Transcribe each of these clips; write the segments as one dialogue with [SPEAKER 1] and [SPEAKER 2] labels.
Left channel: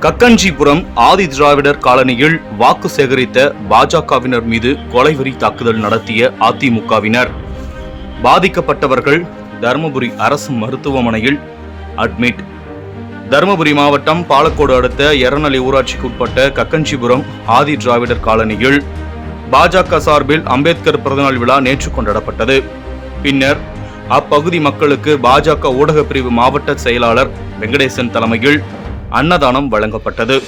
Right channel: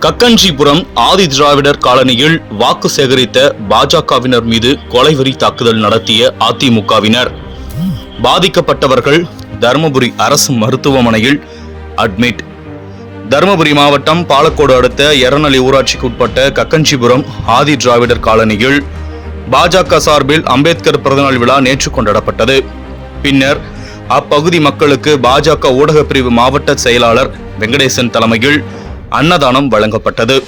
[SPEAKER 1] கக்கன்ஜிபுரம் ஆதி திராவிடர் காலனியில் வாக்கு சேகரித்த பாஜகவினர் மீது கொலைவெறி தாக்குதல் நடத்திய அதிமுகவினர். பாதிக்கப்பட்டவர்கள் தருமபுரி அரசு மருத்துவமனையில் அட்மிட். தருமபுரி மாவட்டம் பாலக்கோடு அடுத்த எரநலி ஊராட்சிக்கு உட்பட்ட கக்கஞ்சிபுரம் ஆதி திராவிடர் காலனியில் பாஜக சார்பில் அம்பேத்கர் பிறந்தநாள் விழா நேற்று கொண்டாடப்பட்டது. பின்னர் அப்பகுதி மக்களுக்கு பாஜக ஊடகப் பிரிவு மாவட்ட செயலாளர் வெங்கடேசன் தலைமையில் அன்னதானம் வழங்கப்பட்டது.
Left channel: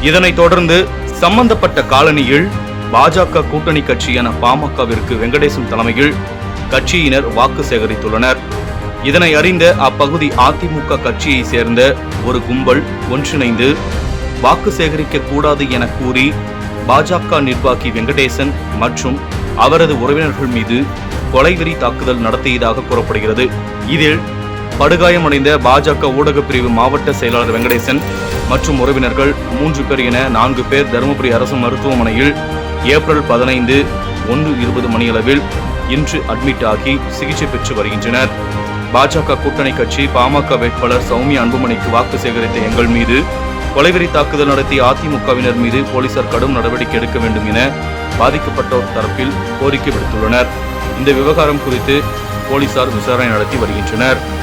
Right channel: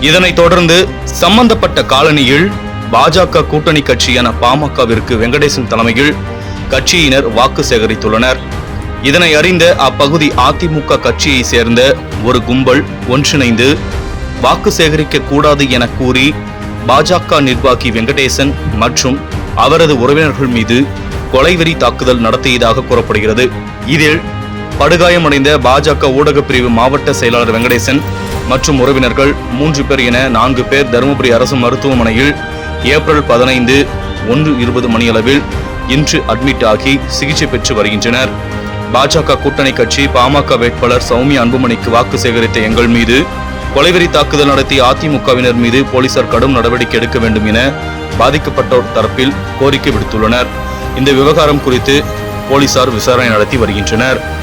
[SPEAKER 1] இதனைத் தொடர்ந்து சம்பந்தப்பட்ட காலனியில் பாஜக கூட்டணி கட்சியான பாமகவிற்கு வெங்கடேசன் தலைமையில் கட்சியினர் வாக்கு சேகரித்துள்ளனர். இதனை அறிந்த அப்பகுதி அதிமுக கட்சியை சேர்ந்த ஒரு கும்பல் ஒன்றிணைந்து வாக்கு சேகரிக்க கூடாது என கூறி பாஜக நிர்வாகி வெங்கடேசன் மற்றும் அவரது உறவினர்கள் மீது கொலைவெறி தாக்குதல் நடத்தியதாக கூறப்படுகிறது. இதில் படுகாயமடைந்த பாஜக ஊடகப் பிரிவு மாவட்ட செயலாளர் வெங்கடேசன் மற்றும் உறவினர்கள் மூன்று பேர் என நான்கு பேர் தருமபுரி அரசு மருத்துவமனையில் ஏப்ரல் பதினைந்து ஒன்று இருபது மணியளவில் இன்று அட்மிட் ஆகி சிகிச்சை பெற்று வருகின்றனர். பாஜக கூட்டணி கட்சி பாமக வேட்பாளர் சௌமியா அன்புமணிக்கு வாக்கு சேகரித்த எங்கள் மீது கொலைவெறி தாக்குதல் நடத்திய அதிமுகவினர் மீது போலீசார் கடும் நடவடிக்கை எடுக்க வேண்டும் என பாதிக்கப்பட்டோர் தரப்பில் கோரிக்கை விடுத்துள்ளனர். இந்த விவகாரம் குறித்து போலீசார் விசாரணை நடத்தி வருகின்றனர்.